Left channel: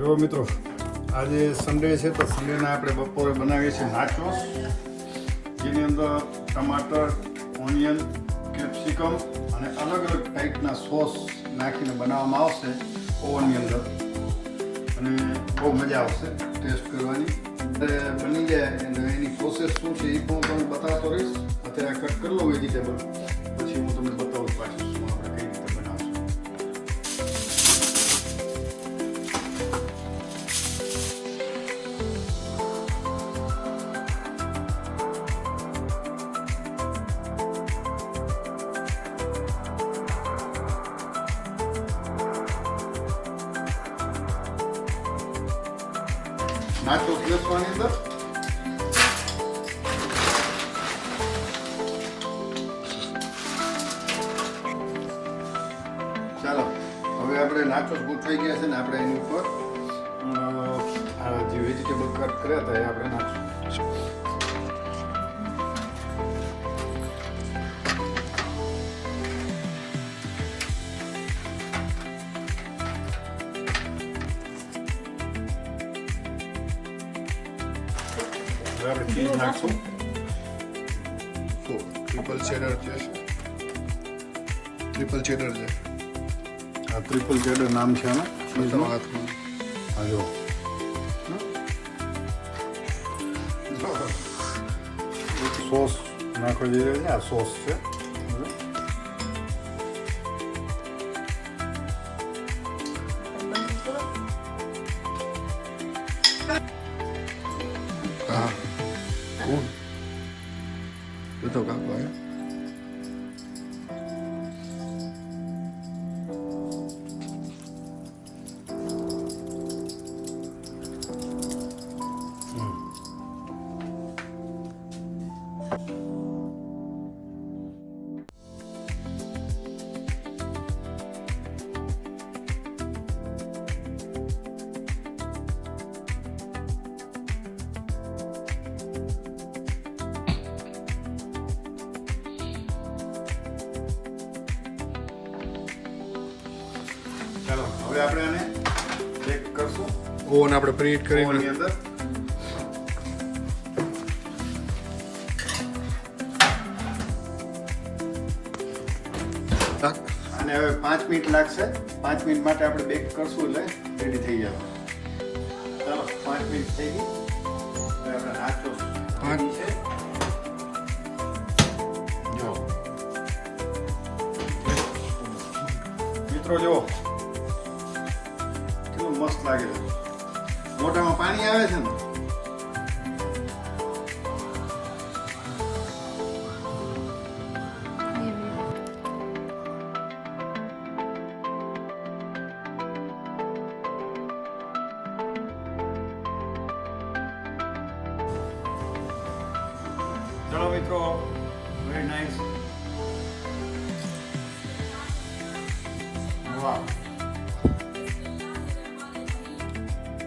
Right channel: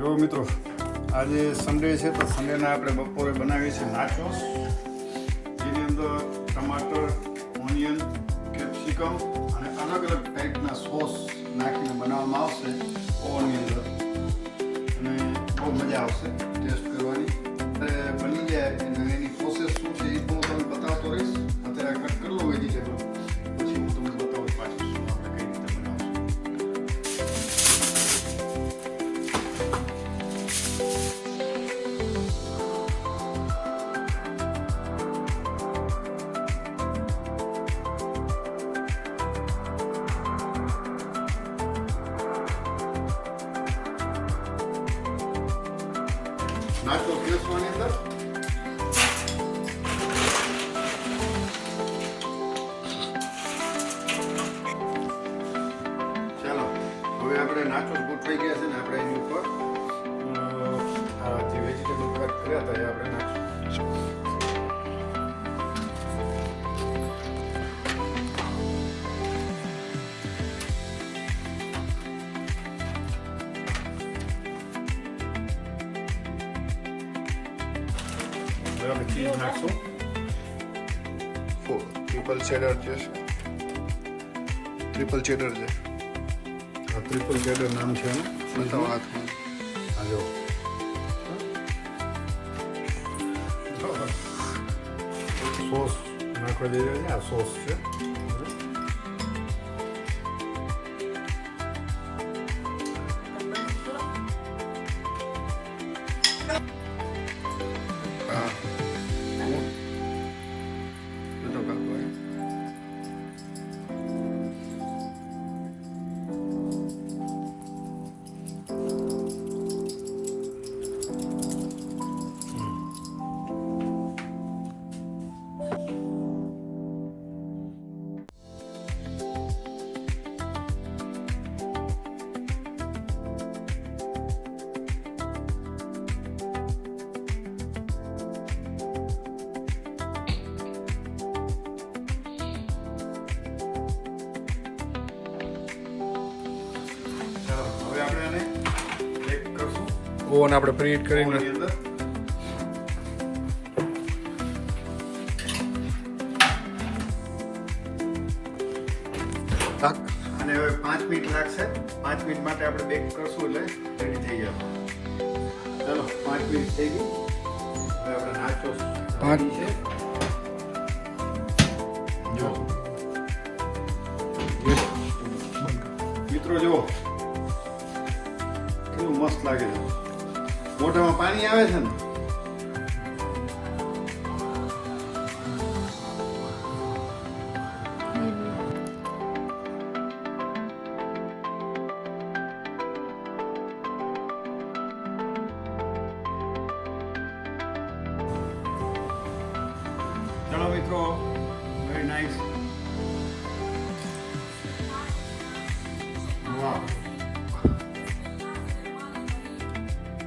જો મિત્રો, આજે સન્ડે છે તો સન્ડેના આપણે બપોરે બનાવીએ છીએ નાચોસ, જેની અંદર ટમાટર, ઓનિયન, કેપ્સિકમ અને અલગ અલગ ટાઈપના સોસ નાખીને બનાવવામાં આવશે ઓવનની અંદર, અને બહુ મજા આવશે ટેસ્ટ કરવાની. બની જાય અને એની પ્રોસેસ શું છે એ પણ હું તમને બતાવતો રહીશ. અત્યારે કટ કરી લો વેજીટેબલ, પછી હું તમને બતાવું પાછું શું આપણે કઈ રીતે બનાવશું. નાચો પ્લેસવાની અંદર ચાલો, હવે આપણે નાચોસ ગોઠવાઈ ગયા છે ને, આપણે એની ઉપર જે વેજીટેબલ કટ કર્યા હતા એ આપણે નાખશું. આપણે ચીઝ નાખશું. ટ્રિપલ ચેડર છે, ટ્રિપલ ચેડર છે. આ ટ્રિપલ ચેડર નામ છે આનું. હાથમાં હા જો સોસ નાખવા જઈ રહ્યો છે. આ સોસ છે. Ah, cool. Yo toco algo, ¿eh? હવે આપણે આને ચેક કરશું ઓવન આપણે પ્રીહીટ કરીને ઓવનની અંદર. અને હવે 5 મિનિટ લાગશે. 5 મિનિટ માટે આપણે બેક કરશું એટલે રેડી થઈ ગયા. ચાલો, 5 મિનિટ થઈ ગઈ. હવે આપણે નાચોસ પાંચ. છે. જો મિત્રો, જુઓ કેટલું મસ્ત લાગે છે. મોઢામાં પાણી આવે છે ને. ચલો મિત્રો, વેરી નાઇસ. વાહ.